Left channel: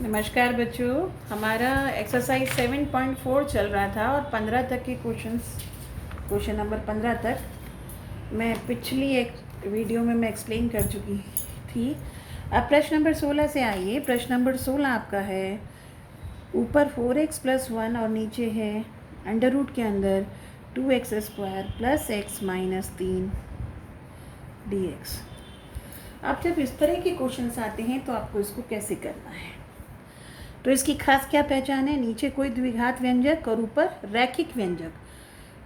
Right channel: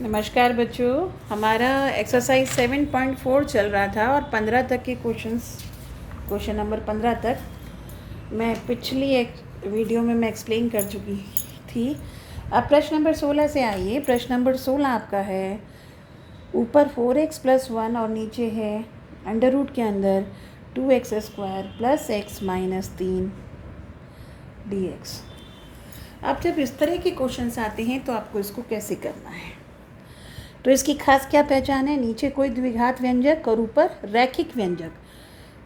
नमस्कार बच्चों, हमारा एक्सरसाइज 7.4 चल रहा था और 15 तक के क्वेश्चन नंबर 15 तक मैं पिछली एक वीडियो में मैं एक्सप्लेन कर चुकी थी। अब प्रश्न नंबर 16 से आइए। प्रश्न नंबर 16 आपका है, ऊपर 4x + 1 और नीचे है अंडर रूट के अंदर 2x² + x - 3 dx। अब जब इस तरह के क्वेश्चंस आते हैं तो आपको इसको कैसे करना है। तो इसकी खास क्या पहचान है, नीचे कोई द्विघात व्यंजक और ऊपर रैखिक व्यंजक,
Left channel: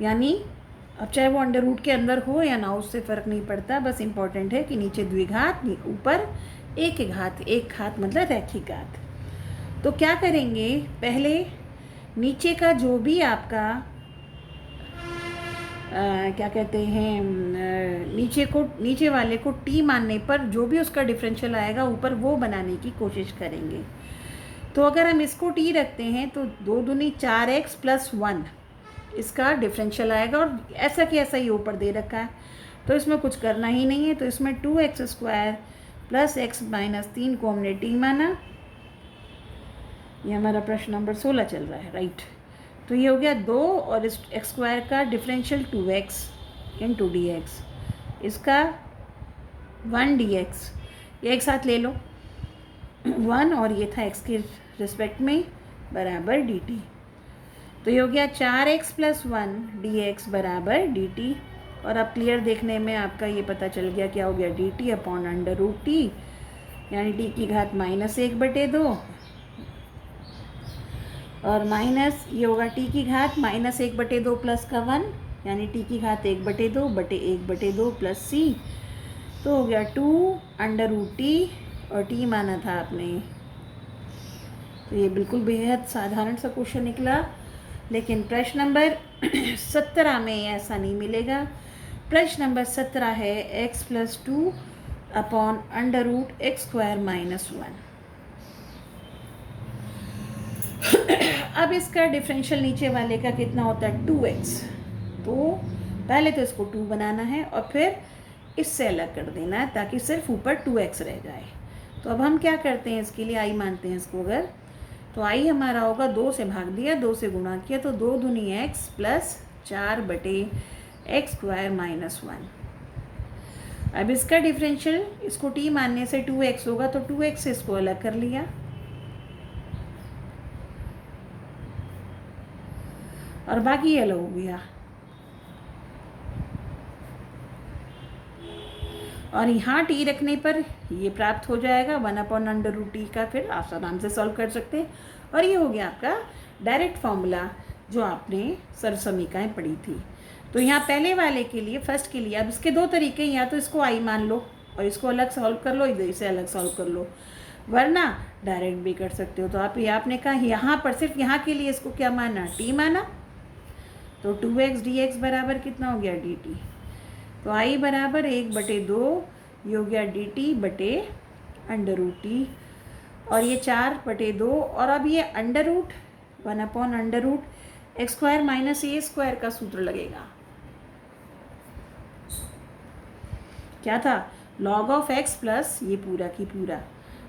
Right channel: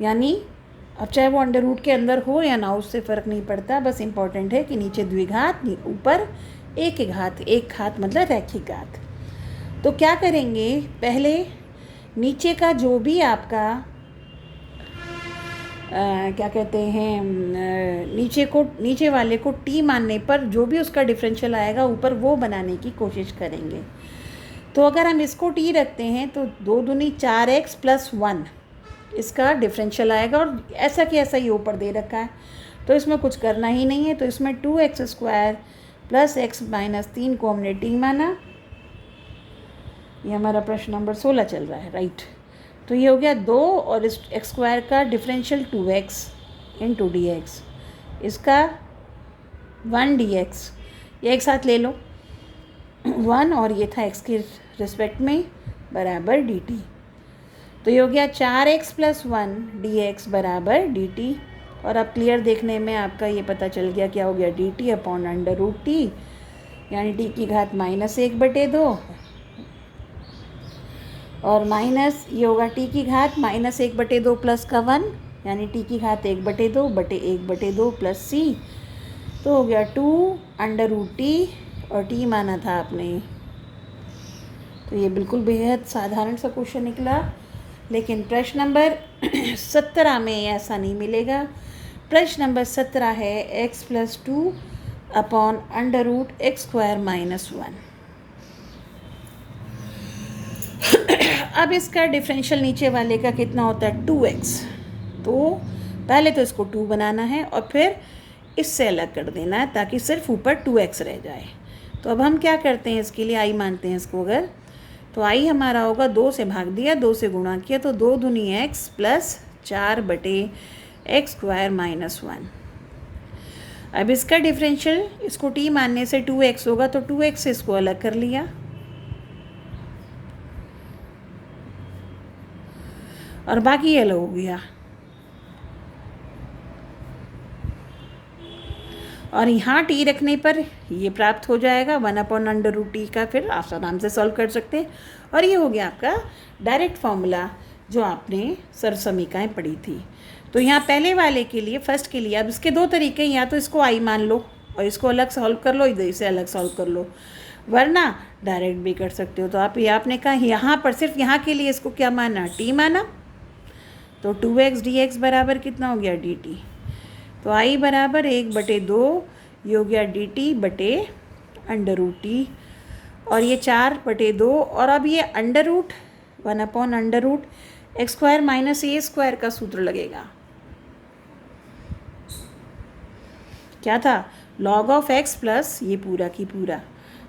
यानी अब चाहे वो अंडर रूट के अंदर हो या ना, उससे फ़र्क नहीं पड़ता, बस इम्पॉर्टेंट है कि नीचे द्विघात, ऊपर एक घात मतलब रैखिक घात। तो क्या करेंगे, पहले नीचे का जो भी आपका क्या कहते हैं, नीचे वाले को टी मानने पर जो भी उसका डिफरेंशियल आएगा ऊपर वो बनाने की कोशिश करेंगे। तो अगर हम इसको टी रखते हैं तो 2 दूनी 4x + 1 इसका डिफरेंशियल आएगा, और ऐसा कि ऐसा ही ऊपर दे रखा है तो इसमें कुछ करना ही नहीं है। तो इसमें 2x² + x - 3 को हमने टी माना। ये हमारा प्रश्न नंबर 16 चल रहा है, राइट। तो ये हो गया 2 और इस x² का डिफरेंशियल 2x × dx, इसका 1 dx, ये एक साथ ले लो 1 और ये था x के रिस्पेक्ट में बराबर dt। तो ये हो गया 4x + 1 dx बराबर dt। और अब क्लियर देखने में आपका ये पता चल गया क्या हो गया, dt/√t, यानी t की घात -1/2 और माइनस ये होगा t की घात -1/2 प्लस का 1, यानी t की घात 1/2 प्लस c। तो हो गया 2√t और t माना था आपने। तो ये बिल्कुल बेहद साधारण सा क्वेश्चन निकला, लेकिन प्रश्न नंबर 17 में ऐसा नहीं मिलेगा। प्रश्न नंबर 17 है x + 2 अपॉन √x² - 1। अब इसका डिफरेंशियल नीचे वाले का कितना होता है, 2x। तो पहले तो इसको 2 बनाना है और फिर इससे अलग कर देना है ताकि सिर्फ ऊपर 2x रह जाए। तो अब हम क्या करते हैं, इसके लिए i मानते हैं इसको। अगर तो i हमारा होगा 2 से भाग दिया, 2 से गुणा किया, तो 2 दूनी x + 4/x² - 1। अब इसका डिफरेंशियल इसको t मानने से 2x होगा, तो 2x से इसको अलग कर लिया और बाकी ये अलग हो गया। और यहाँ टी रखने पर ये प्राप्त हो जाएगा 1/√t का, फिर आप आराम से सॉल्व कर सकते हैं। और ये हो गया आपका डायरेक्ट फॉर्मूला जो आपने सरसमीकाएँ पढ़ी थी। तो यहाँ पहले वाले के लिए, फर्स्ट के लिए, अब इसके दो तरीके, या तो इसको आई मान लो और इसको अलग सॉल्व कर लो, इधर इसे अलग सॉल्व कर लो, वरना डायरेक्ट भी कर सकते हो। तो आप ये आपने कहा यहाँ पर सिर्फ यहाँ के लिए इसको क्या माना, टी माना। तो 2x dx बराबर कितना हो गया, dt। तो i बराबर 1/2, ये हो गया dt/√t, और ये 4/2, और अब ये √1/√x² - a² का सूत्र लगेगा। क्या था, log ऑफ x प्लस ये पूरा की पूरा,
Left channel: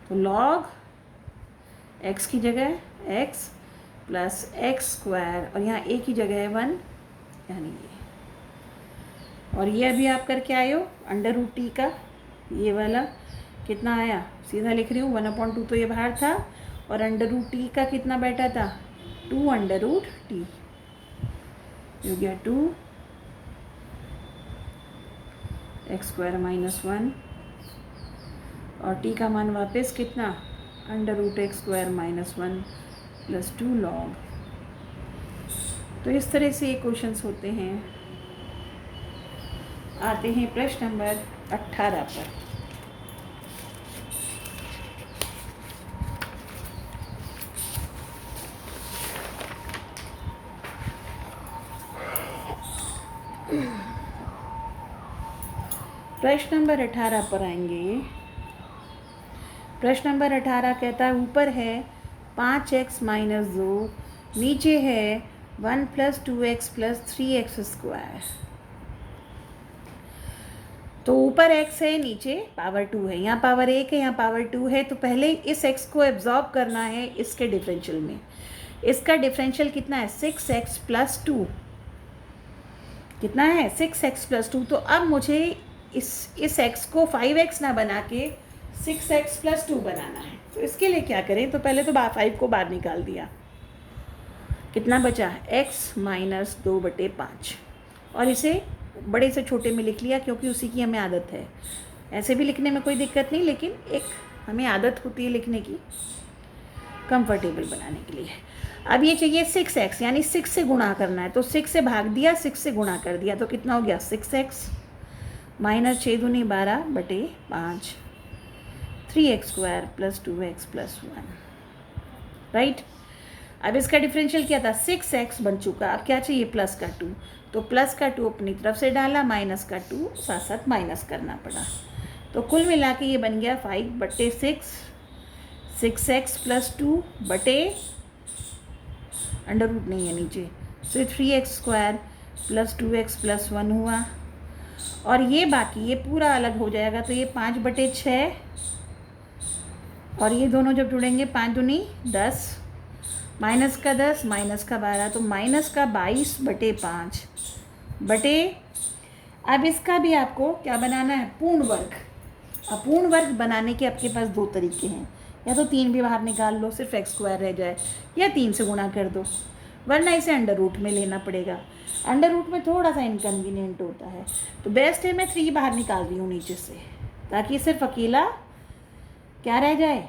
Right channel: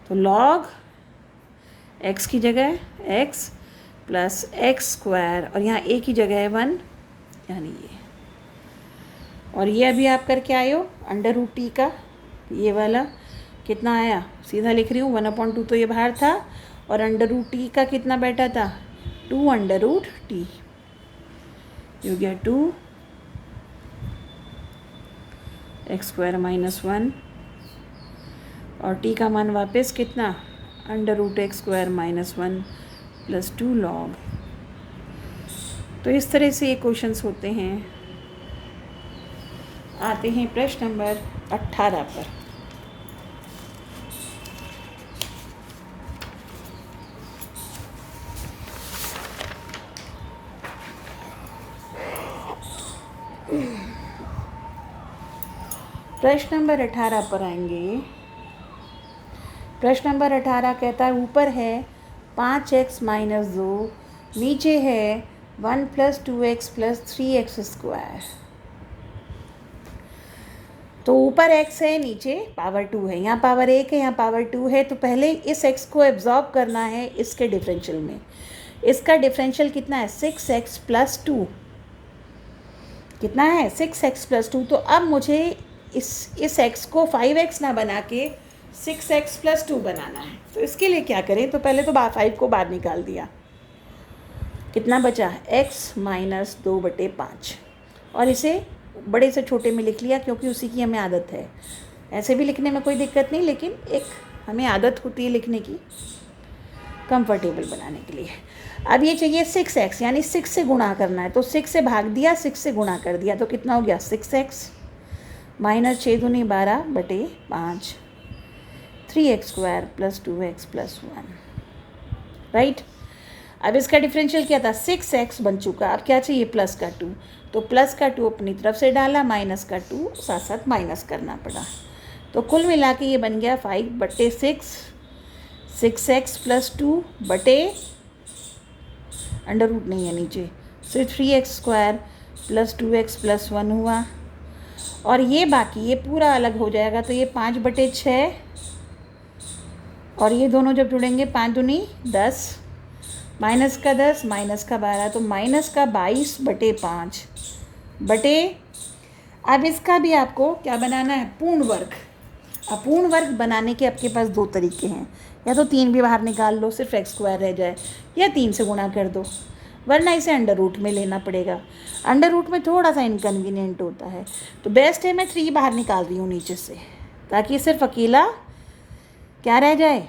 तो log x की जगह x प्लस x² और यहाँ a की जगह है 1, यानी ये। और ये अभी आप करके आए हो √t का, ये वाला कितना आया, सीधा लिख रही हूँ 1/2, तो ये बाहर था, और √t का कितना बैठा था, 2√t, हो गया 2x² - 1, और t का मान वापस कितना, √x² - 1 + 2 log। तो इस तरह से ये क्वेश्चंस होते हैं। आते हैं प्रश्न नंबर 18 पर। प्रश्न नंबर 18 पर आएंगे। प्रश्न नंबर 18 कहता है, ऊपर है 5x - 2, नीचे है 1 + 2x + 3x²। तो ऊपर x है, नीचे पावर 2 है, यहाँ पावर 1 है, यहाँ पावर 2 है। तो पहले इस x को एब्जॉर्ब करना है इसके डिफरेंशियल में। इसका डिफरेंशियल कितना है? 6x plus 2। कितना है? 6x plus 2। तो अब मुझे इस x को 5x ना बना के 6x प्लस 2 बनाना है। तो इसके लिए क्या करें? तो पहले तो 5 को बाहर निकाल दिया, कितना बचा? x minus 2/5। और इसे बड़े से छोटे में लिख लिया क्योंकि उसी की हमें आदत है। ऐसे भी लिखने में कोई दिक्कत नहीं, लेकिन एक हमें आदत होती है लिखने की, कंफर्टेबल बनाने के लिए। अब ये चाहिए 6x, यानी 6 से गुणा करना है। तो 6 से भाग दिया, 6 से गुणा कर दिया, तो कितना हो गया? 6x माइनस 6 दूनी 12/5, 3x² plus 2x plus 1, right. अब इसका डिफरेंशियल क्या था? 6x बन चुका। अब क्या चाहिए? प्लस का 2। तो प्लस का 2 अपनी तरफ से डाला, माइनस का 2 साथ साथ माइनस करना पड़ा। तो कुल मिला के ये बन गया 5/6, 6x प्लस 2 बटे अंडर रूट नहीं है नीचे, सिर्फ 3x² प्लस 2x प्लस 1 हुआ। और ये बाकी ये पूरा अलग हो जाएगा, तो ये 5/6 और ये दोनों जब जुड़ेंगे 5 दूनी 10, माइनस का 10 माइनस का 12, तो माइनस का 22/5 बटे। अब इसका भी आपको क्या बनाना है? पूर्ण वर्ग। अब पूर्ण वर्ग बनाने के आपके पास 2 तरीके हैं, या तो 3 भी बाहर निकाल लो, सिर्फ x² रह जाए, या 3 से गुणा कर दो, वरना इसे अंडर रूट में लेना पड़ेगा। अंडर रूट में थोड़ा सा इनकन्वीनियंट होता है, तो बेस्ट है मैं 3 बाहर निकाल रही हूँ नीचे से, ताकि सिर्फ अकेला क्या रह जाए?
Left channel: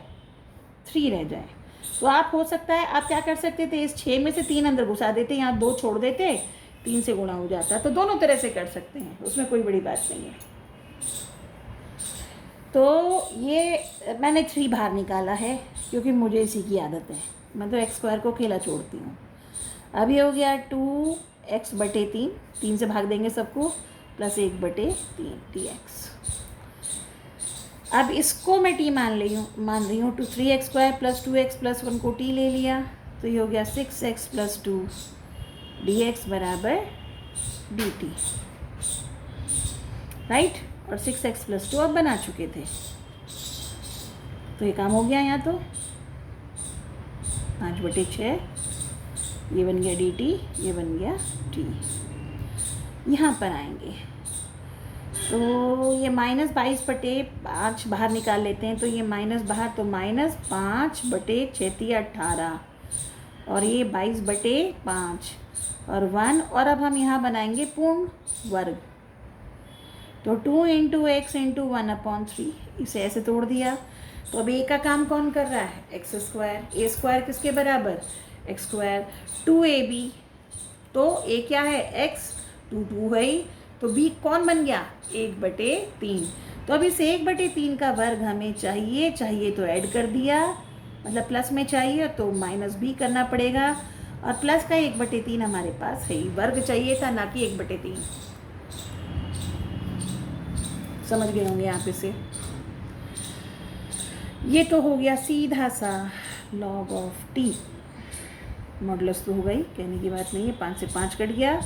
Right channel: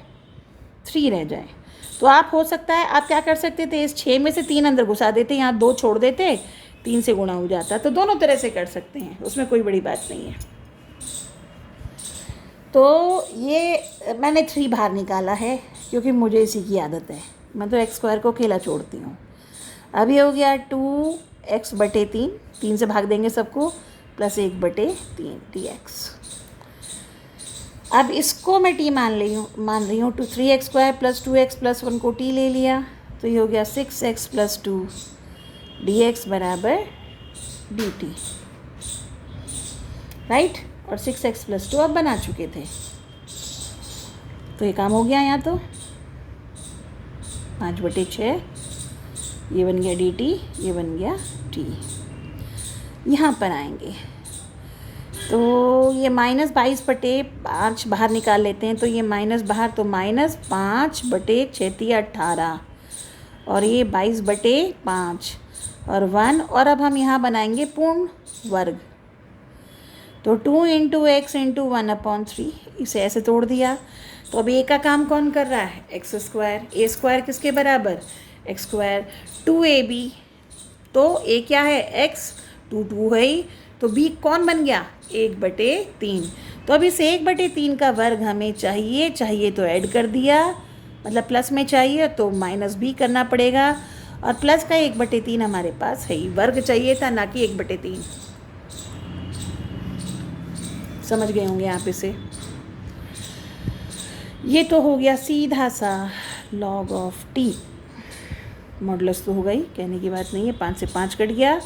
3 रह जाए। तो आप हो सकता है आप क्या कर सकते थे? इस 6 में से 3 अंदर घुसा देते, यहाँ 2 छोड़ देते, 3 से गुणा हो जाता। तो दोनों तरह से कर सकते हैं, उसमें कोई बड़ी बात नहीं है। तो ये मैंने 3 बाहर निकाला है क्योंकि मुझे इसी की आदत है, मैं तो x² को अकेला छोड़ती हूँ। अभी हो गया 2x/3, 3 से भाग देंगे सबको, प्लस 1/3 dx। अब इसको मैं t मान रही हूँ। तो 3x² प्लस 2x प्लस 1 को t ले लिया, तो ये हो गया 6x प्लस 2 dx बराबर dt, राइट। और 6x प्लस 2 अब बना चुके थे, तो ये काम हो गया। यहाँ तो 5/6 ये बन गया dt, ये बन गया t। यहाँ पर आएंगे तो ये -22/5 बाहर निकाल लेते हैं, तो ये माइनस बाहर, तो -5/6 18, और ये 22/5 और 1। और अब हम यहाँ बनाएंगे पूर्ण वर्ग, तो 2 × x × 1/3, इसे ऐसे तोड़ दिया। तो अब a का काम कौन कर रहा है? x²। a² किसके बराबर? x²। 2ab, तो a क्या है? x, 2 है ही, तो b कौन बन गया? 1/3। तो अब इस 1/3 का वर्ग हमें चाहिए तो ऐड कर दिया, मतलब प्लस में चाहिए तो माइनस भी करना पड़ेगा, और प्लस का 1/3 हमारे पास है ही, वर्ग चाहिए था ना कि 1/3। समझ गए होंगे आप इसे। ये तो हो गया सीधा सा log ऑफ t। मॉडुलस तो हो गई, कहने की बात नहीं है। 5 से 5 कट गया,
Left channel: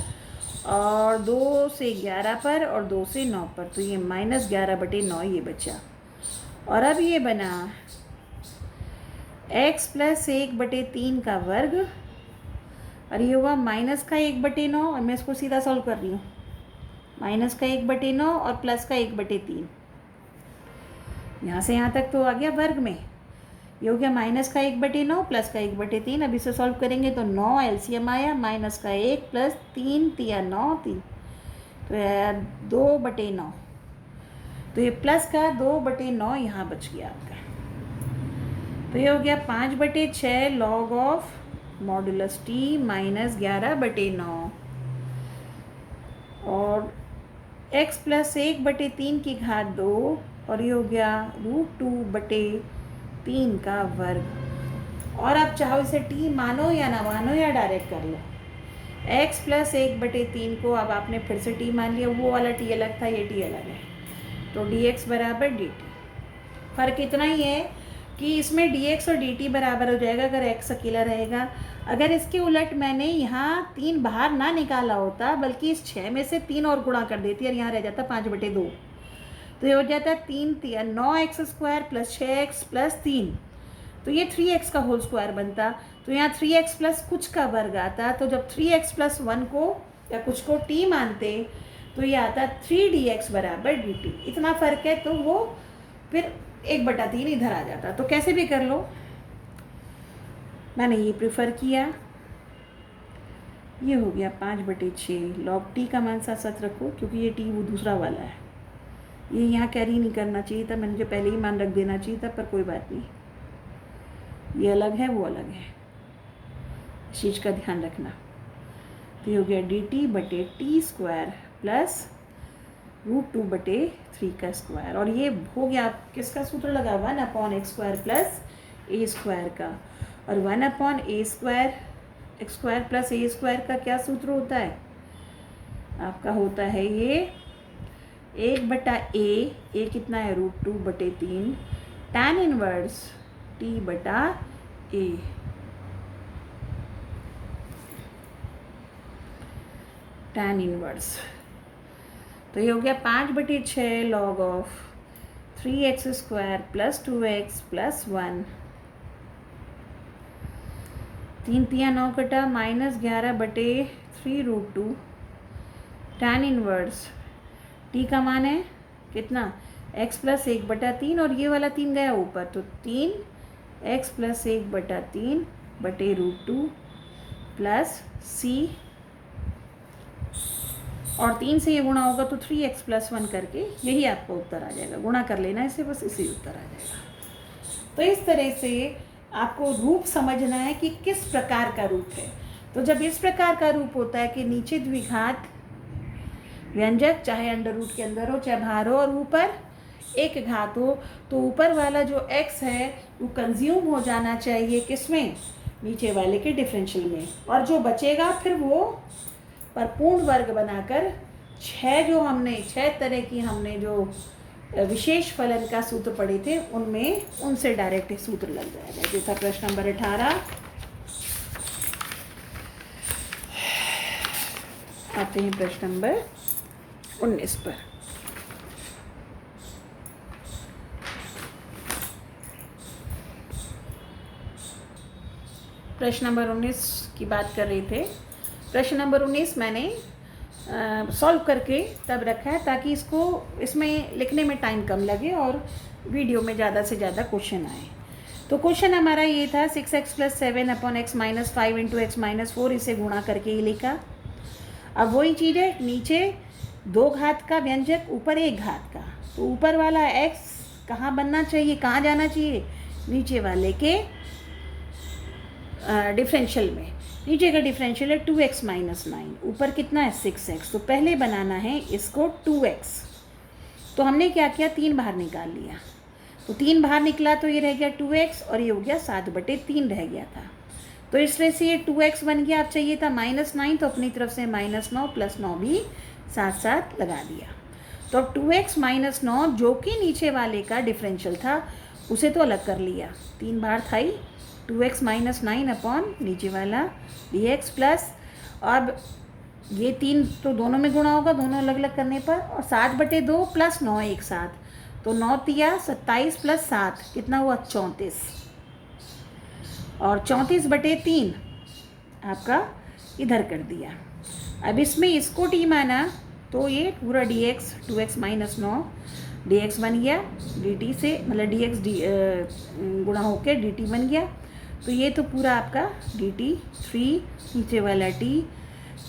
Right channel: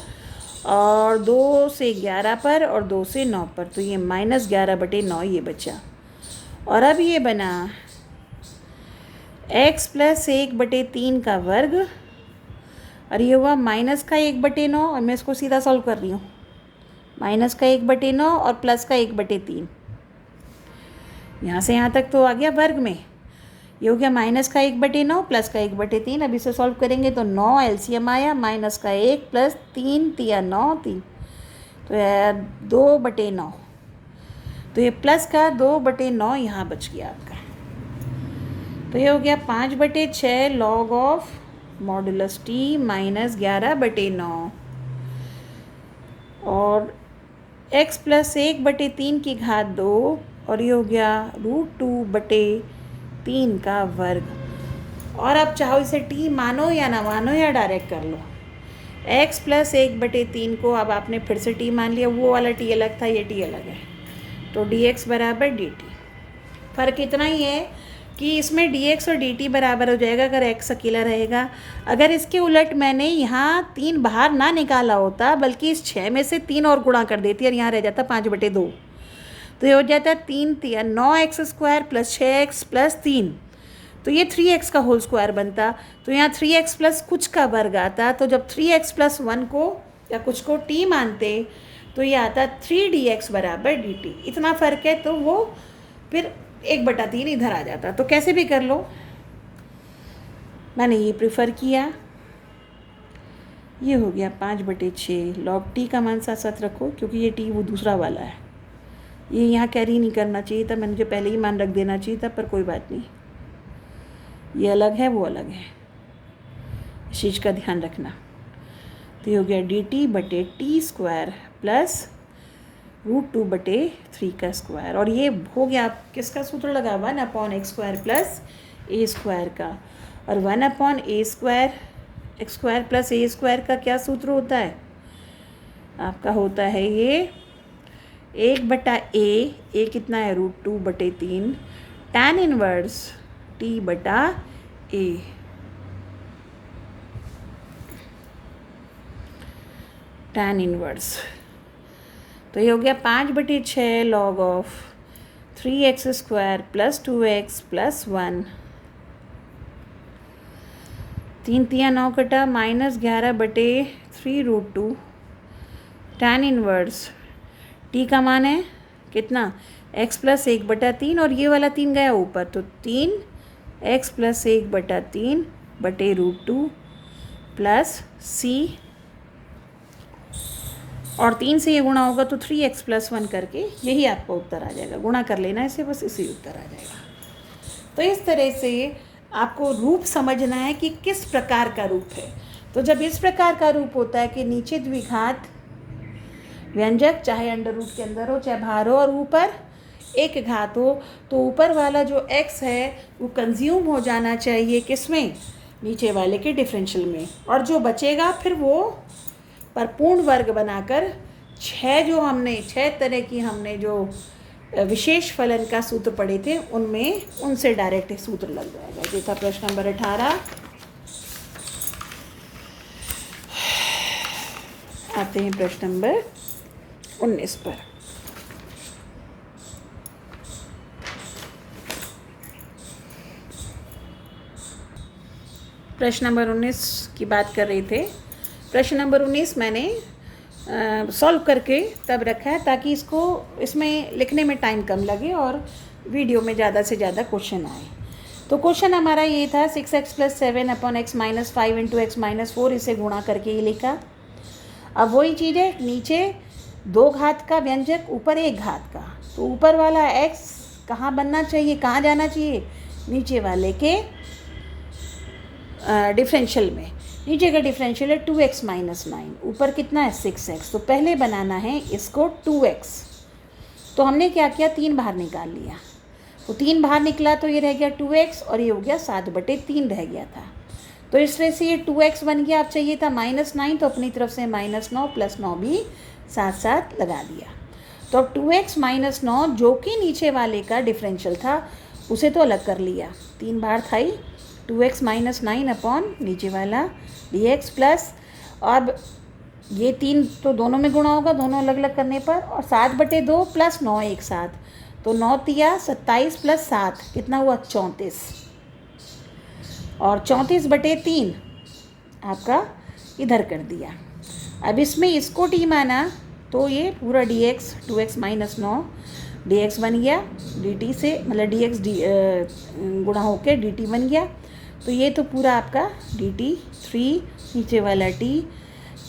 और 2 से 11 पर, और 2 से 9 पर, तो ये -11/9 ये बचा। और अब ये बना x प्लस 1/3 का वर्ग, और ये हुआ माइनस का 1/9, और मैं इसको सीधा सॉल्व कर रही हूँ। माइनस का 1/9 और प्लस का 1/3, यहाँ से यहाँ तक तो आ गया वर्ग में। ये हो गया माइनस का 1/9 प्लस का 1/3। अब इसे सॉल्व करेंगे तो 9 एलसीएम आया, माइनस का 1 प्लस 3 तिया 9, 3 तो 2/9, तो ये प्लस का 2/9 यहाँ बच गया आपका। तो ये हो गया 5/6 log of modulus t minus 11/9, और x प्लस 1/3 की घात 2, और ये हो गया √2/3 का वर्ग। और अब चाहो इसे t मानो या ना मानो, या डायरेक्ट कर लो। x प्लस 1/3 को अब आपने फिर से t मान लिया, वो वाला t अलग था, ये t अलग है, तो dx बराबर dt। फ़र्क इतना ही है कि इसमें dx और dt बराबर हो जाएगा अगर x अकेला रहेगा। अगर इसके उलट मैंने यहाँ 3 बाहर ना निकाला होता, बल्कि इस 6 में से 3 और गुणा कर देती, और यहाँ रह जाता 5/2, तो ये हो जाता है 9x² प्लस 6x प्लस 3, तो ये 3x का होल स्क्वायर बनता। तो यहाँ 3x प्लस कुछ का वर्ग आता, तो जब 3x प्लस 1 को या कुछ को t मानते तो ये आता 3dx बराबर dt। इतना फ़र्क है, तो वो फिर 1/3 इधर आ जाता। तो कैसे भी कर लो, मैंने ये प्रेफर किया। ये हो गया 5/6 log t का मान साथ साथ रखो, क्योंकि ये t वो दूसरा वाला है, ये यहाँ कैरी नहीं करना चाहिए था, मैंने मुझे पहले ही मान रख देना चाहिए था, पर कोई बात नहीं, ये अलग है वो अलग है, इस चीज़ का ध्यान रखना। तो ये हो गया dt/t² प्लस √2/3 का स्क्वायर, और ये हो गया किसका सूत्र लगा, 1/x² प्लस a² का, और 1/a² x² प्लस a² का क्या सूत्र होता है आपका, होता है ये 1/a, a कितना है √2/3 tan inverse t/a। tan inverse, तो ये हो गया 5/6 log of 3x² plus 2x plus 1, 3 3 9 कटा, -11/3√2 tan इनवर्स t का मान है कितना, x प्लस 1/3, और ये वाला 3 गया ऊपर, तो 3x प्लस 1/3/√2 प्लस c, और 3 से ये गुणा होगा तो 3x प्लस 1 करके यही आपका उत्तर आ जाएगा। गुणा कर लेना इसे, बस इसी उत्तर आ जाएगा। तो इस तरह से आपको रूप समझना है कि किस प्रकार का रूप है। तो जब इस प्रकार का रूप होता है कि नीचे द्विघात व्यंजक चाहे अंडर रूट के अंदर हो चाहे बाहर हो, और ऊपर एक घात हो, तो ऊपर वाला जो x है वो कंज्यूम हो जाना चाहिए किसमें, नीचे वाले के डिफरेंशियल में, और जो बचेगा फिर वो पर पूर्ण वर्ग बनाकर 6 तरह की हमने जो विशेष फलन का सूत्र पढ़े थे उनमें उनसे डायरेक्ट सूत्र लग जाएगा। जो था प्रश्न नंबर 18। आते हैं प्रश्न नंबर 19 पर। प्रश्न नंबर 19 की बात कर रहे थे। प्रश्न नंबर 19 मैंने सॉल्व करके तब रखा है ताकि इसमें लिखने में टाइम कम लगे और वीडियो में ज़्यादा से ज़्यादा क्वेश्चन आए। तो क्वेश्चन हमारा ये था 6x + 7/x - 5 × x - 4, इसे गुणा करके ये लिखा। अब वही चीज़ है, नीचे 2 घात का व्यंजक, ऊपर 1 घात का, तो ऊपर वाला x कहाँ बनना चाहिए, कहाँ जाना चाहिए, नीचे वाले के डिफरेंशियल में। नीचे का डिफरेंशियल है 2x - 9, ऊपर कितना है 6x, तो पहले बनाना है इसको 2x। तो हमने क्या किया, 3 बाहर निकाल लिया, तो 3 बाहर निकला तो ये रह गया 2x, और ये हो गया 7/3 रह गया था। तो इस तरह से ये 2x बन गया। अब चाहिए था -9, तो अपनी तरफ से -9 + 9 भी साथ साथ लगा दिया। तो अब 2x - 9 जो कि नीचे वाले का डिफरेंशियल था उसे तो अलग कर लिया, 3 बाहर था ही, 2x - 9 अपॉन नीचे वाला dx प्लस, अब ये 3 तो दोनों में गुणा होगा दोनों अलग अलग करने पर, और 7/2 + 9 एक साथ, तो 9 तिया 27 + 7 कितना हुआ 34, और 34/3 आपका इधर कर दिया। अब इसमें इसको t माना तो ये पूरा dx 2x - 9 dx बन गया, dt से मतलब dx गुणा होके dt बन गया। तो ये तो पूरा आपका dt 3 नीचे वाला t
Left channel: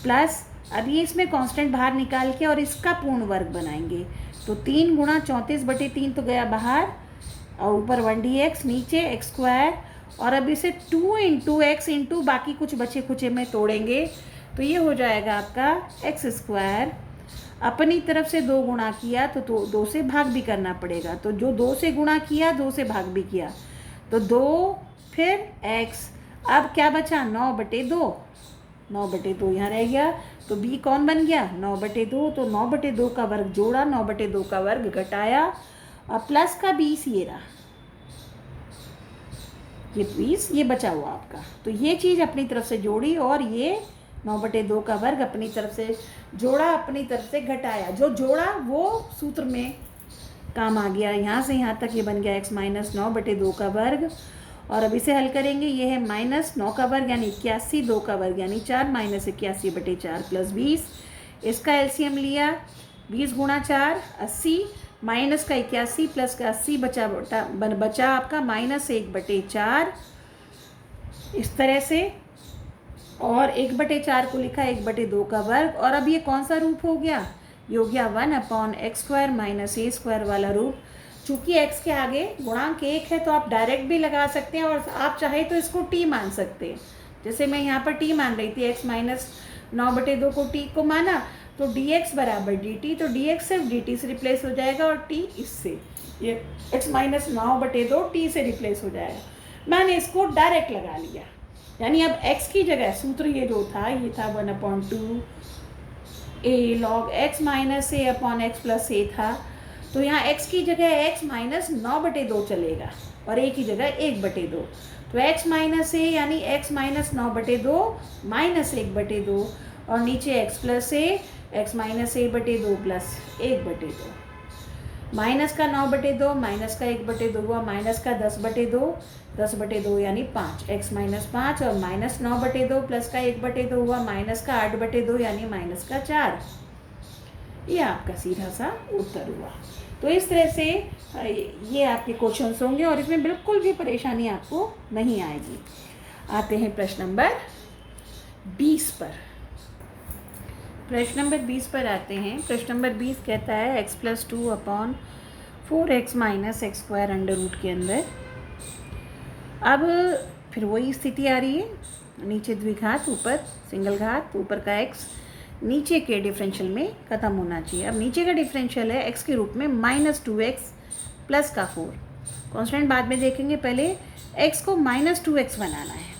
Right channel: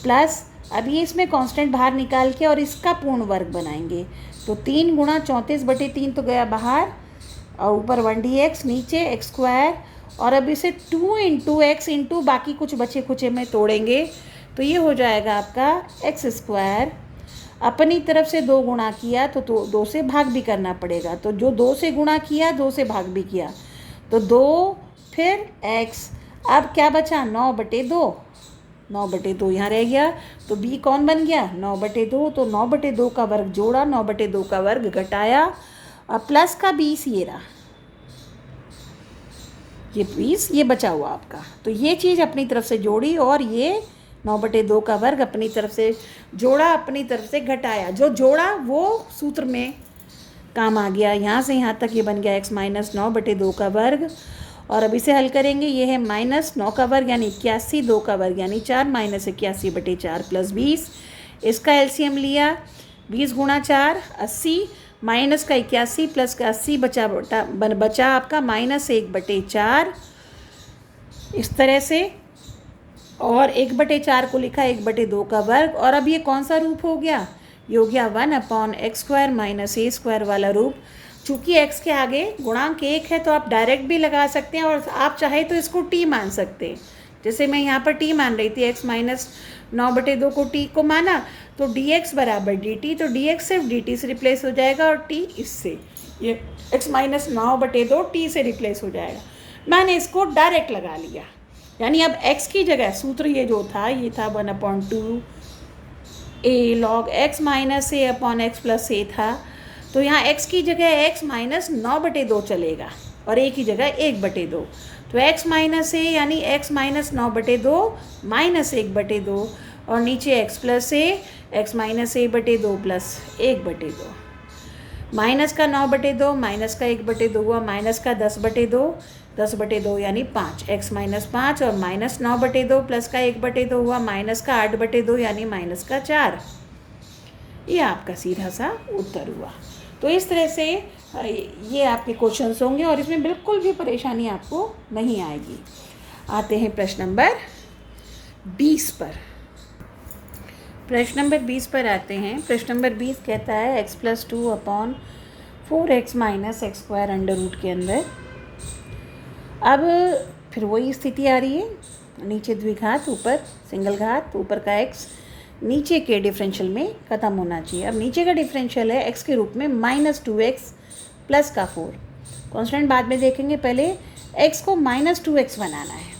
प्लस, अब ये इसमें कांस्टेंट बाहर निकाल के और इसका पूर्ण वर्ग बनाएंगे, तो 3 × 34/3 तो गया बाहर, और ऊपर 1dx, नीचे x², और अब इसे 2 × x × बाकी कुछ बचे खुचे में तोड़ेंगे, तो ये हो जाएगा आपका x²। अपनी तरफ से 2 गुणा किया तो 2 से भाग भी करना पड़ेगा, तो जो 2 से गुणा किया 2 से भाग भी किया, तो 2 फिर x, अब क्या बचा 9/2, 9/2 यहाँ रह गया, तो b कौन बन गया 9/2, तो 9/2 का वर्ग जोड़ा, 9/2 का वर्ग घटाया, और प्लस का 20 ये रहा, ये 20 ये बचा हुआ आपका। तो ये चीज़ अपनी तरफ से जोड़ी, और ये 9/2 का वर्ग अपनी तरफ से जोड़ा, अपनी तरफ से घटाया, जो जोड़ा वो सूत्र में काम आ गया। यहाँ से यहाँ तक ये बन गया x माइनस 9/2 का वर्ग। और अब इसे हल करेंगे, ये है -9 का वर्ग यानी 81, 2 का वर्ग यानी 4, -81/4 प्लस 20। इसका एलसीएम लिया, 20 गुणा 4 80, माइनस का 81 प्लस का 80 बचा आपका -1/4 इस तरह से। और 1/4 को लिखा 1/2 का वर्ग। और अब ये कौन सा रूप हो गया, ये हो गया 1/x² माइनस a² वाला रूप। चूँकि x के आगे गुणांक 1 है तो आप डायरेक्ट भी लगा सकते हैं, और आप चाहे तो इसको t मान सकते हैं। जैसे मैं यहाँ पर t मान रही थी, x माइनस 9/2 को t को माना, तो dx बराबर dt, तो dx सिर्फ dt से रिप्लेस हो जाएगा और t इससे, ये x माइनस 9/2 t से रिप्लेस हो जाएगा। मैंने इसको डायरेक्ट लगा लिया, यानी अब x की जगह सूत्र ये जो था, ये था 1/2 a log x minus a upon x plus a था। तो यहाँ x की जगह x माइनस 9/2 चलेगा और a की जगह 1/2। तो x माइनस a यानी x माइनस 9/2 माइनस 1/2, और नीचे x plus a, x minus a/2 plus 1/2। Minus का 9/2 माइनस का 1/2 हुआ माइनस का 10/2, 10/2 यानी 5, x माइनस 5, और माइनस 9/2 प्लस का 1/2 हुआ माइनस का 8/2 यानी माइनस का 4। ये आपका सीधा सा उत्तर हुआ। तो इस तरह से ये आपके क्वेश्चंस होंगे और इसमें बिल्कुल भी परेशानी आपको नहीं आएगी। आते हैं प्रश्न नंबर 20 पर। प्रश्न नंबर 20 पर आते हैं। प्रश्न नंबर 20 कहता है x plus 2 upon 4x minus x² under root के अंदर। अब फिर वही स्थिति आ रही है, नीचे द्विघात ऊपर सिंगल घात, ऊपर का x नीचे के डिफरेंशियल में ख़त्म होना चाहिए। अब नीचे का डिफरेंशियल है x के रूप में -2x प्लस का 4। कॉन्स्टेंट बाद में देखेंगे, पहले x को -2x बनाना है।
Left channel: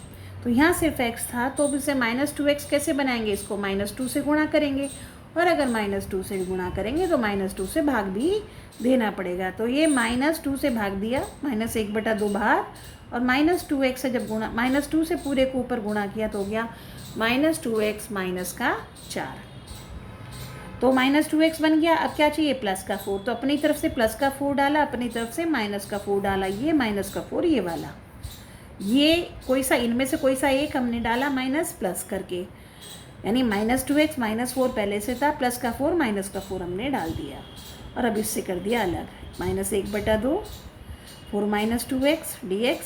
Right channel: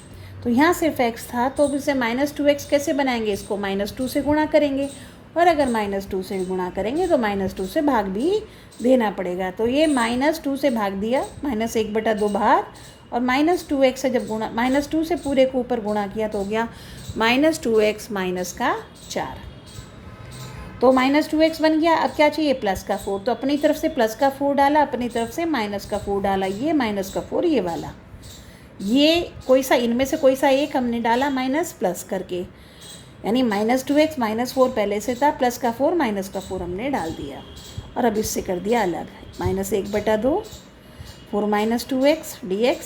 तो यहाँ सिर्फ x था, तो अब इसे -2x कैसे बनाएंगे, इसको -2 से गुणा करेंगे, और अगर -2 से गुणा करेंगे तो -2 से भाग भी देना पड़ेगा। तो ये -2 से भाग दिया, -1/2 बाहर, और -2x से जब गुणा, -2 से पूरे को ऊपर गुणा किया तो हो गया -2x माइनस का 4। तो -2x बन गया। अब क्या चाहिए, प्लस का 4। तो अपनी तरफ से प्लस का 4 डाला, अपनी तरफ से माइनस का 4 डाला, ये माइनस का 4 ये वाला, ये कोई सा इनमें से कोई सा एक हमने डाला माइनस प्लस करके, यानी -2x -4 पहले से था, प्लस का 4 माइनस का 4 हमने डाल दिया, और अब इससे कर दिया अलग, -1/2 4 -2x dx,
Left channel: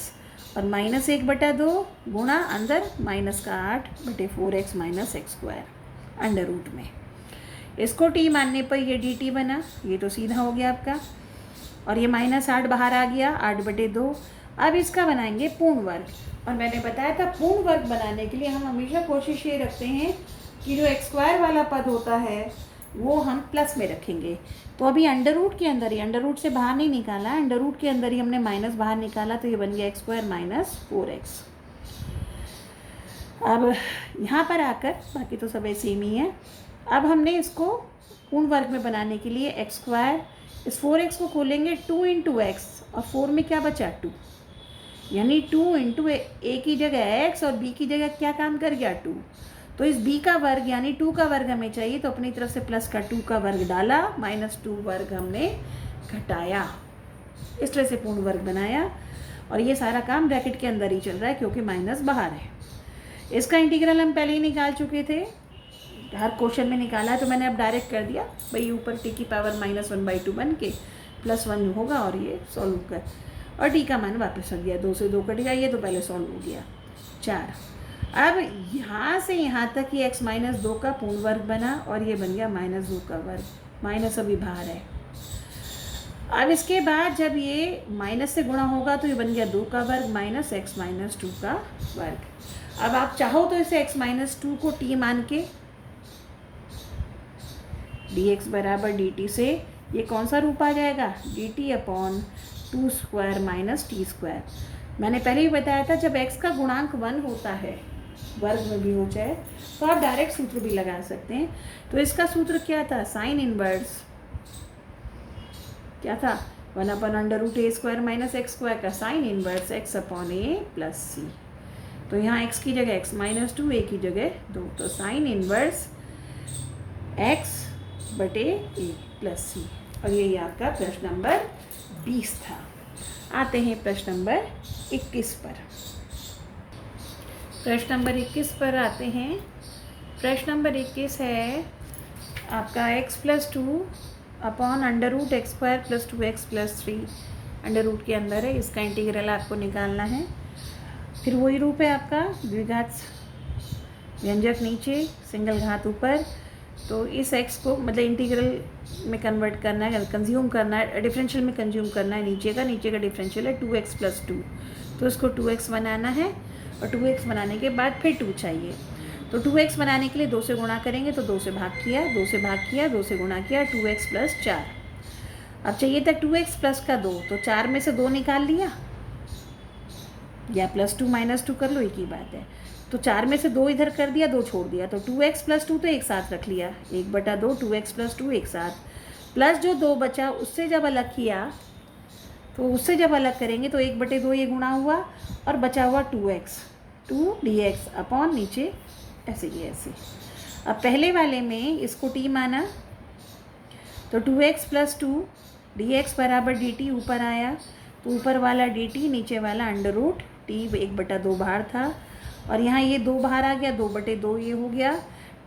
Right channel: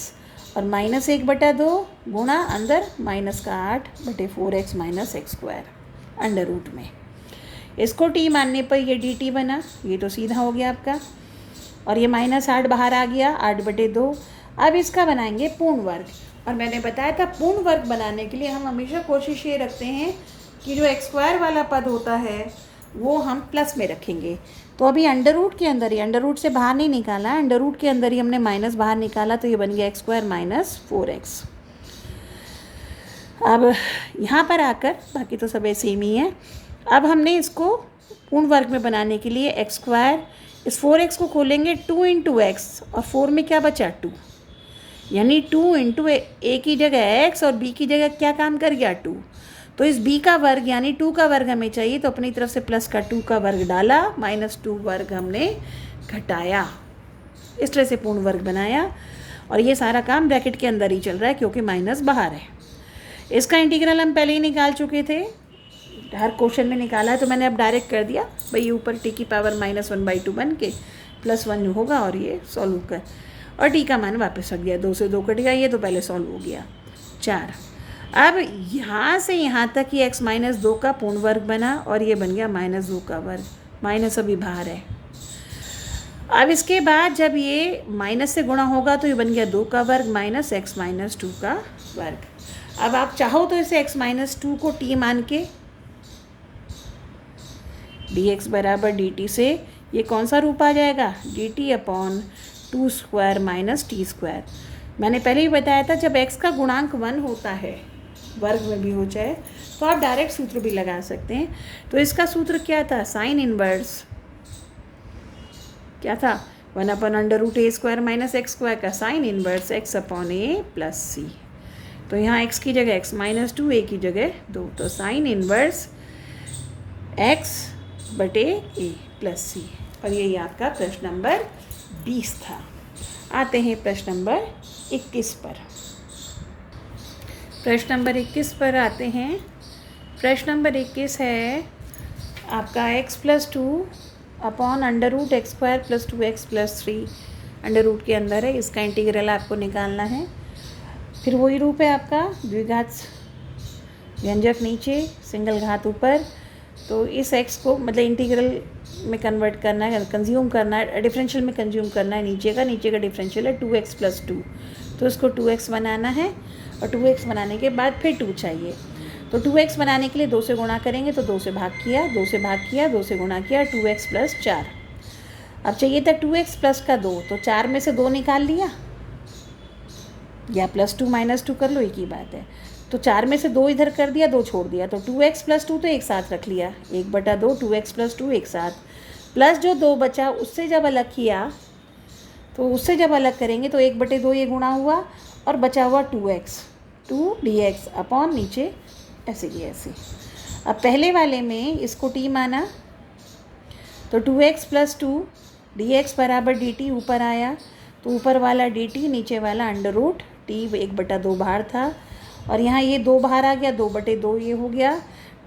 और -1/2 गुणा अंदर माइनस का 8/4x minus x² under root में। इसको t मानने पर ये dt बना, ये तो सीधा हो गया आपका, और ये -8 बाहर आ गया 8/2। अब इसका बनाएंगे पूर्ण वर्ग, और मैंने बताया था पूर्ण वर्ग बनाने के लिए हम हमेशा कोशिश ये रखते हैं कि जो x² वाला पद होता है वो हम प्लस में रखेंगे। तो अभी अंडर रूट के अंदर ही, अंडर रूट से बाहर नहीं निकाला, अंडर रूट के अंदर ही हमने माइनस बाहर निकाला, तो ये बन गया x² माइनस 4x। अब यहाँ पर आकर बाकी तो सब ऐसे ही है। अब हमने इसको पूर्ण वर्ग में बनाने के लिए x², इस 4x को खोलेंगे 2 × x, और 4 में क्या बचा 2, यानी 2 × a की जगह x और b की जगह क्या काम कर गया 2। तो इस b का वर्ग यानी 2 का वर्ग हमें चाहिए, तो अपनी तरफ से प्लस का 2 का वर्ग डाला, -2 वर्ग हमने घटाया, इस तरह से पूर्ण वर्ग बनाया। और ये सारा काम ब्रैकेट के अंदर ही चल रहा है क्योंकि माइनस बाहर है। इसका इंटीग्रल हम पहले ही निकाल चुके थे, हर क्वेश्चन में निकाला है, तो मैंने अब डायरेक्ट कर दिया भाई, ऊपर t की पावर -1/2 बन के +1 होगा, और ये सॉल्व कर, और t का मान वापस रख दिया, 2 से 2 कट गया, ये तो पहले सॉल्व हो गया 4। अब यहाँ से यहाँ तक ये x -2 का पूर्ण वर्ग बना, और ये बन गया -2 का वर्ग, माइनस अभी बाहर है। अब इसके बाद जब ये माइनस से गुणा होगा तो ये बन गया 2 का वर्ग माइनस x -2 का वर्ग। अब आप चाहो तो इसे x -2 को t मान के dx बराबर dt से ये कौन सा रूप आ जाएगा, dt/2² माइनस t²। मैंने पहले ही बताया था जब x का गुणांक 1 होता है, वर्ग में भी हो जाए, तो आप डायरेक्ट सूत्र भी लगा सकते हैं। तो इसका सूत्र क्या था, साइन इनवर्स क्या था, 1/√a² माइनस x² का sine inverse x/a plus c। तो यहाँ x की जगह x -2, a की जगह 2, तो sine inverse x/a plus c। और यही आपका प्रश्न नंबर 20 था। आते हैं प्रश्न नंबर 21 पर। प्रश्न नंबर 21 पर आते हैं। प्रश्न नंबर 21 है आपका x+2 upon under root x square plus 2x+3 under root के अंदर है। इसका इंटीग्रल आपको निकालना है। फिर वही रूप है आपका, द्विघात व्यंजक नीचे, सिंगल घात ऊपर। तो इस x को मतलब इंटीग्रल में कन्वर्ट करना है, कंज्यूम करना है, डिफरेंशियल में कंज्यूम करना है। नीचे का डिफरेंशियल है 2x+2, तो इसको 2x बनाना है और 2x बनाने के बाद फिर 2 चाहिए। तो 2x बनाने के लिए 2 से गुणा करेंगे, तो 2 से भाग किया, 2 से भाग किया, 2 से गुणा किया, 2x+4। अब चाहिए था 2x प्लस का 2, तो 4 में से 2 निकाल लिया या +2 -2 कर लो, एक ही बात है। तो 4 में से 2 इधर कर दिया, 2 छोड़ दिया, तो 2x+2 तो एक साथ रख लिया, 1/2 2x+2 एक साथ, प्लस जो 2 बचा उससे जब अलग किया, तो उससे जब अलग करेंगे तो 1/2 ये गुणा हुआ और बचा हुआ 2x 2 dx अपॉन नीचे ऐसे भी ऐसे। अब पहले वाले में इसको t माना, तो 2x+2 dx बराबर dt ऊपर आया, तो ऊपर वाला dt, नीचे वाला अंडर रूट t 1/2 बाहर था, और यहाँ ये 2 बाहर आ गया, 2/2 ये हो गया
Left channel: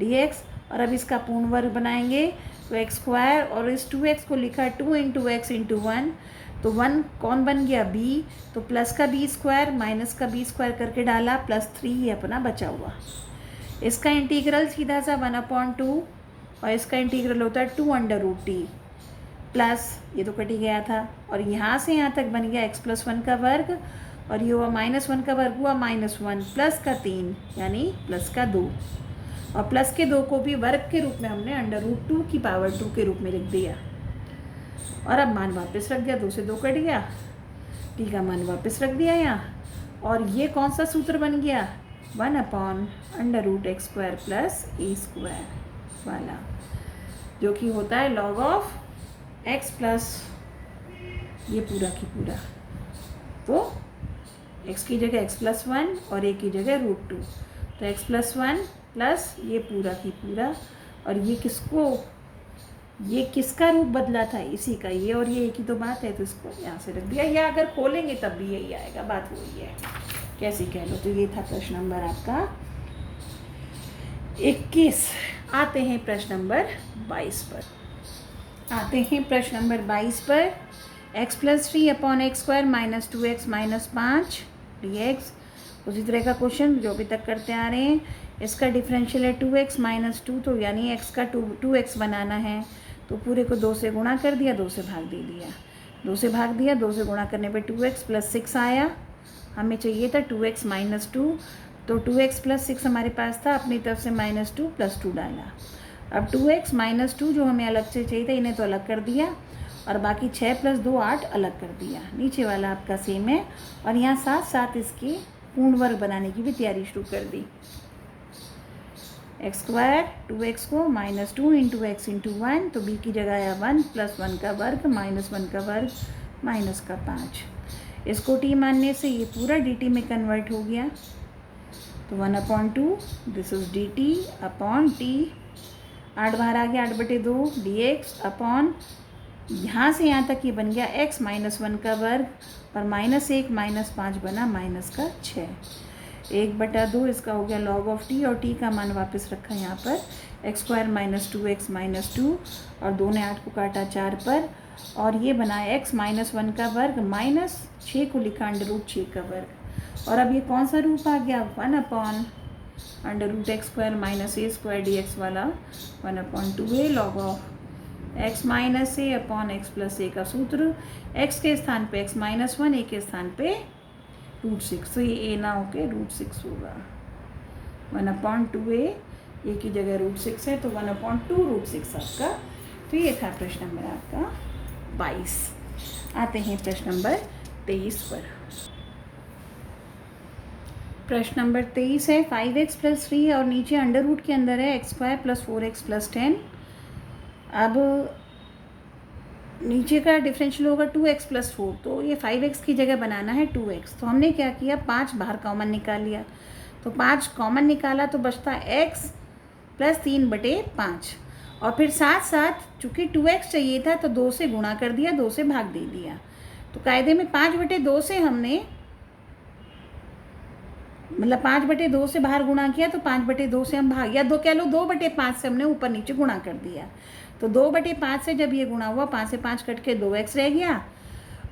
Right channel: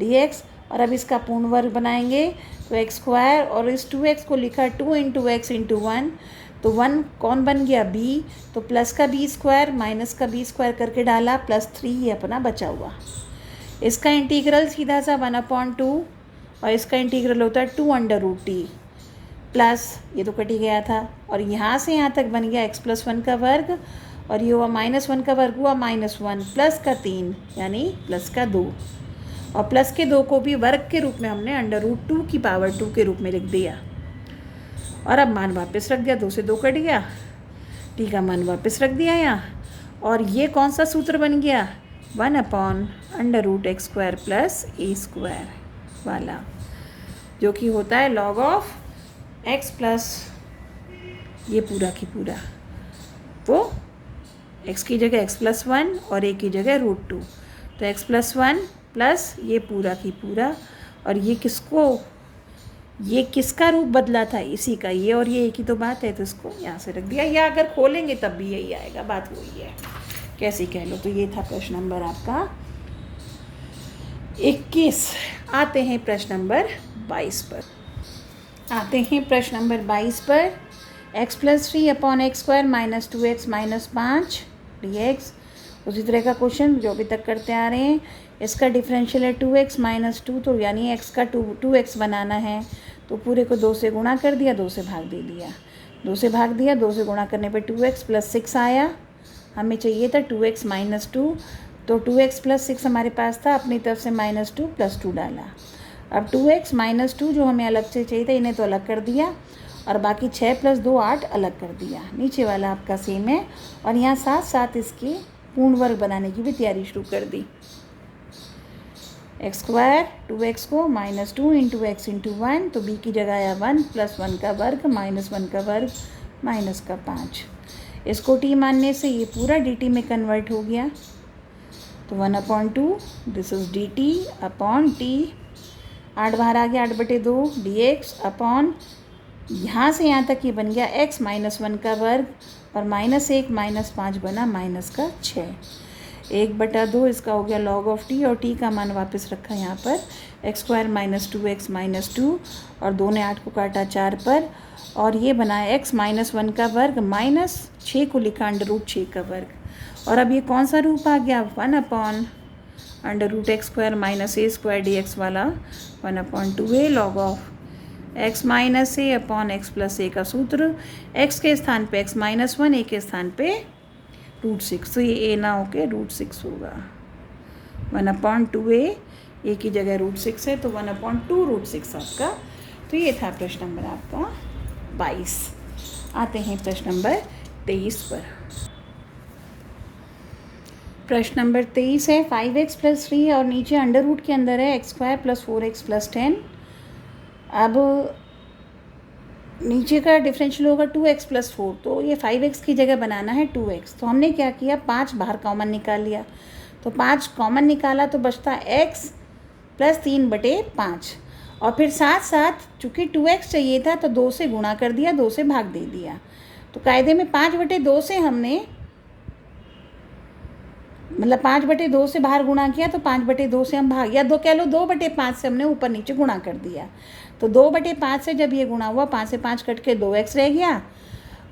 dx। और अब इसका पूर्ण वर्ग बनाएंगे, तो x स्क्वायर, और इस 2x को लिखा 2 × x × 1, तो 1 कौन बन गया b, तो प्लस का b स्क्वायर माइनस का b स्क्वायर करके डाला, +3 ये अपना बचा हुआ। इसका इंटीग्रल सीधा सा 1/2, और इसका इंटीग्रल होता है 2√t प्लस ये तो कट ही गया था, और यहाँ से यहाँ तक बन गया x+1 का वर्ग, और ये हुआ -1 का वर्ग हुआ -1 प्लस का 3 यानी प्लस का 2, और प्लस के 2 को भी वर्ग के रूप में हमने √2 की पावर 2 के रूप में लिख दिया। और अब मान वापस रख दिया, 2 से 2 कट गया, t का मान वापस रख दिया यहाँ, और ये कौन सा सूत्र बन गया, 1/√x² प्लस a² वाला, जो कि होता है log ऑफ x प्लस ये पूरा की पूरा, तो x की जगह x+1 और a की जगह √2, तो x+1 प्लस ये पूरा की पूरा, और ये किसका रूप बदला था, इसी का, ये और ये एक ही तो बात है, तो इसको यहाँ से रख दिया, या अगर खोलेंगे तब भी यही आएगा, बात वही है, कैसे कह लो। तो ये था प्रश्न नंबर आपका 21। आते हैं प्रश्न नंबर 22 पर। x+3 upon x² - 2x - 5 dx। उसी तरह का क्वेश्चन जो अभी तक करते आ रहे हैं। इसका डिफरेंशियल है 2x - 2, तो यानी x का 2x बनाना है, तो पूरे को 2 से गुणा कर दिया, 2 से भाग दे दिया, 2 से भाग दिया, 2 से गुणा करने पे 2x + 6 आया। हमें चाहिए था 2x - 2, तो 2x + 6 हमारे पास था, अपनी तरफ से -2 + 2 डाला। अब 2x - 2 जो हमें अलग से चाहिए था, इन्हें तो अलग कर दिया, और बाकी 6 + 2 8 अलग कर दिया। नीचे वाला आपका सेम है, और यहाँ साथ साथ इसके पूर्ण वर्ग बनाने की भी तैयारी शुरू कर दी। x² 2x को -2 × x × 1, तो b की जगह आया 1 + 1 का वर्ग -1 का वर्ग -5। इसको t मानने से ये पूरा dt में कन्वर्ट हो गया, तो 1/2 this is dt upon t, 8 बाहर आ गया, 8/2 dx अपॉन यहाँ से यहाँ तक ये बन गया x -1 का वर्ग, और -1 -5 बना -6, 1/2 इसका हो गया log ऑफ t, और t का मान वापस रखा यहाँ पर x² - 2x - 2, और 2 ने 8 को काटा 4 पर, और ये बना x -1 का वर्ग -6 को लिखा √6 का वर्ग। और अब ये कौन सा रूप आ गया, 1/√x² - a² dx वाला, 1/2a log of x - a upon x + a का सूत्र, x के स्थान पे x -1, a के स्थान पे √6, तो ये a ना होके √6 होगा, 1/2a, a की जगह √6 है, तो 1/2 √6 आपका। तो ये था प्रश्न नंबर आपका 22। आते हैं प्रश्न नंबर 23 पर। प्रश्न नंबर 23 है 5x + 3 और नीचे अंडर रूट के अंदर है x² + 4x + 10। अब नीचे का डिफरेंशियल होगा 2x + 4, तो ये 5x की जगह बनाना है 2x। तो हमने क्या किया, 5 बाहर कॉमन निकाल लिया, तो 5 कॉमन निकाला तो बचता x + 3/5। और फिर साथ साथ चूँकि 2x चाहिए था तो 2 से गुणा कर दिया, 2 से भाग दे दिया। तो कायदे में 5/2 से हमने मतलब 5/2 से बाहर गुणा किया तो 5/2 से हम भाग, या दो कह लो 2/5 से हमने ऊपर नीचे गुणा कर दिया। तो 2/5 से जब ये गुणा हुआ, 5 से 5 कट के 2x रह गया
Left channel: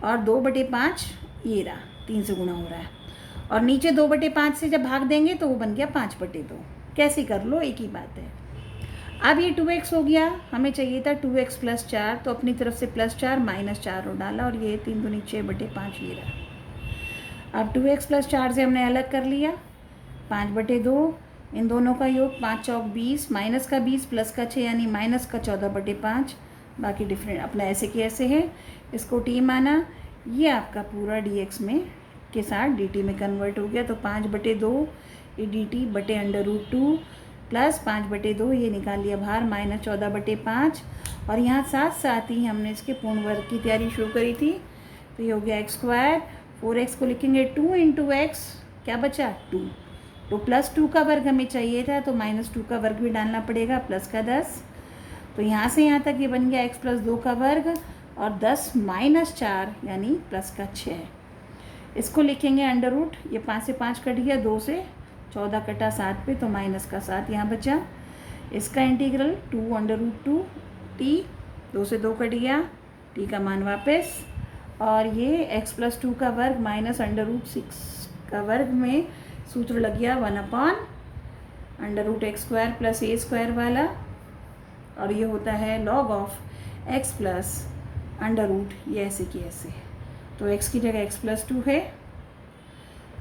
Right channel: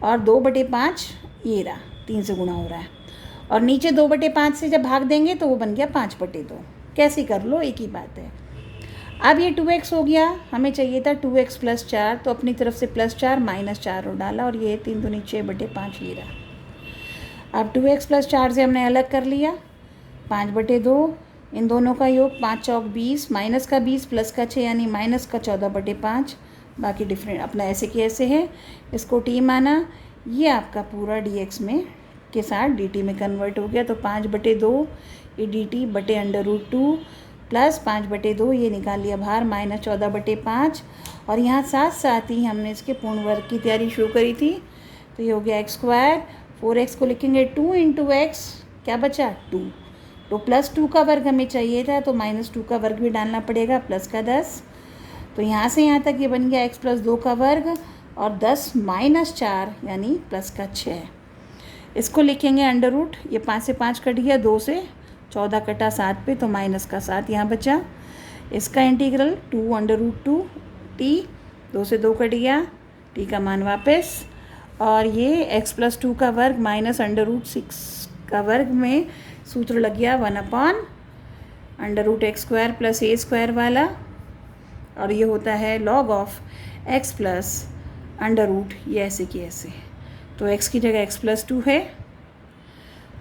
और 2/5 ये रहा, 3 से गुणा हो रहा है। और नीचे 2/5 से जब भाग देंगे तो वो बन गया 5/2। कैसे कर लो, एक ही बात है। अब ये 2x हो गया, हमें चाहिए था 2x + 4, तो अपनी तरफ से +4 -4 और डाला और ये 3 दूनी 6/5 ये रहा। अब 2x + 4 से हमने अलग कर लिया, 5/2, इन दोनों का योग 5 चौक 20, माइनस का 20 प्लस का 6 यानी माइनस का 14/5। बाकी डिफरेंट अपना ऐसे के ऐसे है, इसको t माना। ये आपका पूरा dx में के साथ dt में कन्वर्ट हो गया। तो 5/2 ये dt/√2 प्लस 5/2 ये निकाल लिया बाहर -14/5। और यहाँ साथ साथ ही हमने इसके पूर्ण वर्ग की तैयारी शुरू करी थी। तो ये हो गया x², 4x को लिखेंगे 2 × x, क्या बचा 2। तो +2 का वर्ग हमें चाहिए था, तो -2 का वर्ग भी डालना पड़ेगा, प्लस का 10। तो यहाँ से यहाँ तक ये बन गया x + 2 का वर्ग और 10 - 4 यानी प्लस का 6। इसको लिखेंगे अंडर रूट, ये 5 से 5 कट गया, 2 से 14 कटा 7 पे, तो -7 यहाँ बचा। इसका इंटीग्रल 2√2 t, 2 से 2 कट गया, t का मान वापस। और ये x + 2 का वर्ग -√6 का वर्ग में सूत्र लग गया 1/√x² + a² वाला, और ये होता है log of x + under root, ये ऐसे की ऐसे। तो x की जगह x + 2 है,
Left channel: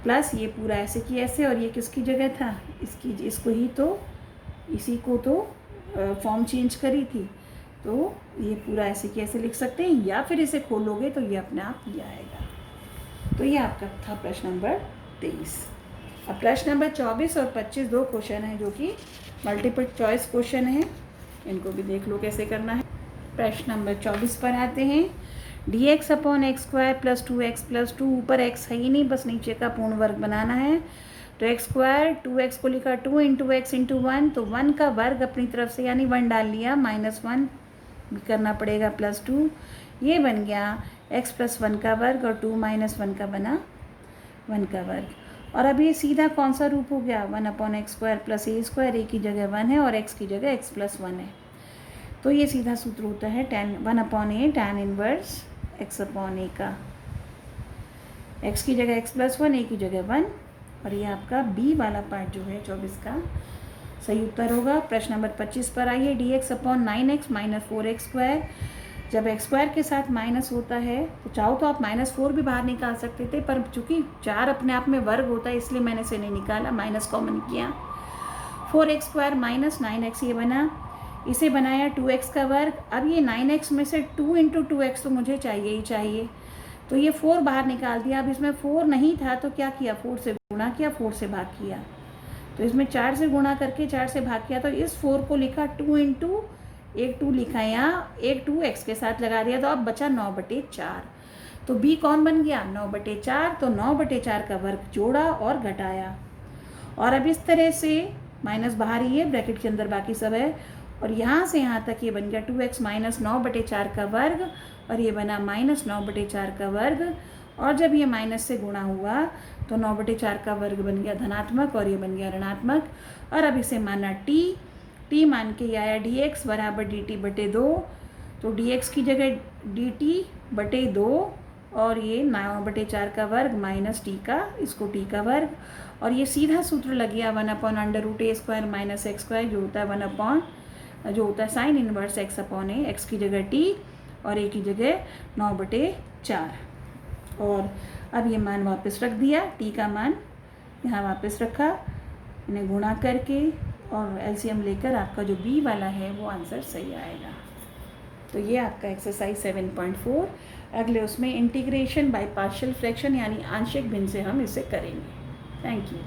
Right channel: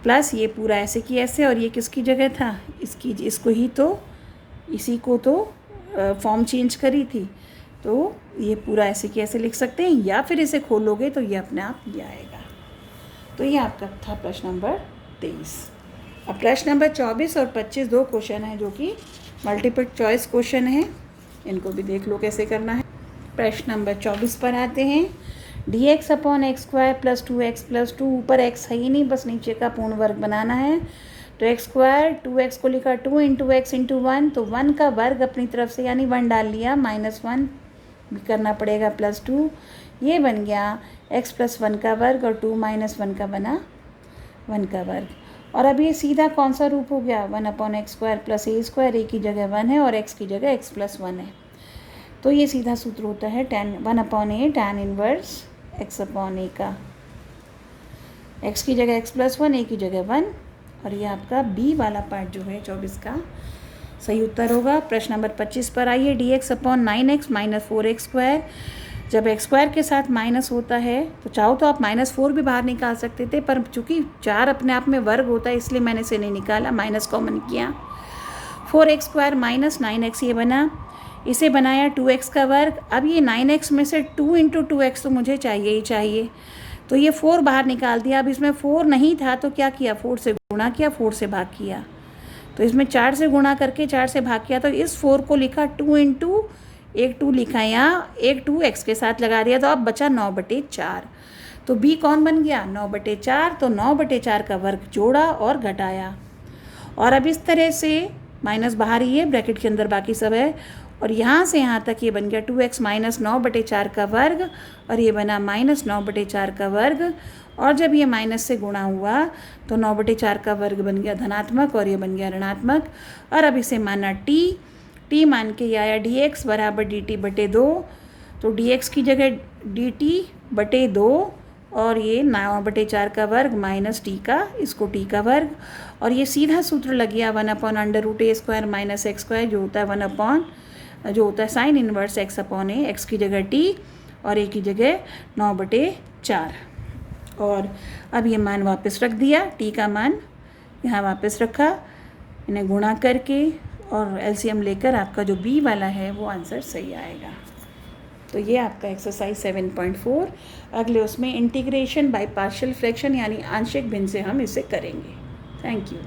प्लस ये पूरा ऐसे की ऐसे, और ये किसकी जगह था, इसको ही तो इसी को तो फॉर्म चेंज करी थी, तो ये पूरा ऐसे की ऐसे लिख सकते हैं, या फिर इसे खोलोगे तो ये अपने आप ये आएगा। तो ये आपका था प्रश्न नंबर 23। अब प्रश्न नंबर 24 और 25 दो क्वेश्चन हैं जो कि मल्टीपल चॉइस क्वेश्चन है, इनको भी देख लो कैसे करना है। प्रश्न नंबर 24 पर आते हैं। dx/x² + 2x + 2, ऊपर x है ही नहीं, बस नीचे का पूर्ण वर्ग बनाना है। तो x², 2x को लिखा 2 × x × 1, तो 1 का वर्ग अपनी तरफ से यानी 1 डाल लिया, -1 करना पड़ेगा +2, ये बन गया x + 1 का वर्ग और 2 - 1 का बना 1 का वर्ग। और अब ये सीधा कौन सा रूप हो गया, 1/x² + a², a की जगह 1 है और x की जगह x + 1 है। तो ये सीधा सूत्र होता है 1/a tan इनवर्स x/a का, x की जगह x + 1, a की जगह 1। और ये आपका b वाला पार्ट जो है 24 का सही उत्तर होगा। प्रश्न नंबर 25 पर आइए। dx/9x - 4x², जब x² के साथ माइनस होता है तो चाहो तो आप -4 भी बाहर निकाल सकते थे, पर चूँकि 4 अपने आप में वर्ग होता है इसलिए मैंने इसे नहीं निकाला, माइनस कॉमन किया। 4x² - 9x ये बना, इसे बनाया 2x का वर्ग। अब ये 9x में से 2 × 2x तो मुझे चाहिए ही चाहिए, तो ये 4 बाहर निकाल दिया। अब इसमें 4 नहीं था तो क्या किया, 4 से गुणा किया, 4 से भाग किया। तो इसमें 4 से गुणा करके 4 से भाग किया, तो इस 4 को लिखा 2 × एक 2 लिखा, यहाँ एक 2 x के साथ लगा दिया, तो अब बचा 9/4। तो b कौन बन गया, 9/4। तो 9/4 का वर्ग जोड़ा और घटाया, और अब इस तरह से माइनस बाहर ही है, ब्रैकेट के अंदर बाकी सब है, और यहाँ से यहाँ तक ये बन गया 2x - 9/4 का वर्ग, और ये बना -9/4 का वर्ग। और जब ये माइनस से गुणा हुआ तो 9/4 का वर्ग बन गया धनात्मक और ये बन गया ऋणात्मक। और अब इसे माना t मान के ये आया dx = dt/2। तो dx की जगह dt/2 और ये 9/4 का वर्ग माइनस t का, इसको t का वर्ग, और ये सीधा सूत्र लग गया 1/√a² - x², जो होता है साइन इनवर्स x/a, x की जगह t और a की जगह 9/4। और अब ये मान वापस रख दिया, t का मान यहाँ वापस रखा, इन्हें गुणा करके और एलसीएम लेकर आपका जो b वाला है वो आंसर सही आएगा। तो ये आपका एक्सरसाइज 7.4। अगले उसमें इंटीग्रेशन बाय पार्शियल फ्रैक्शन यानी आंशिक भिन्न से हम इसे करेंगे। Thank you.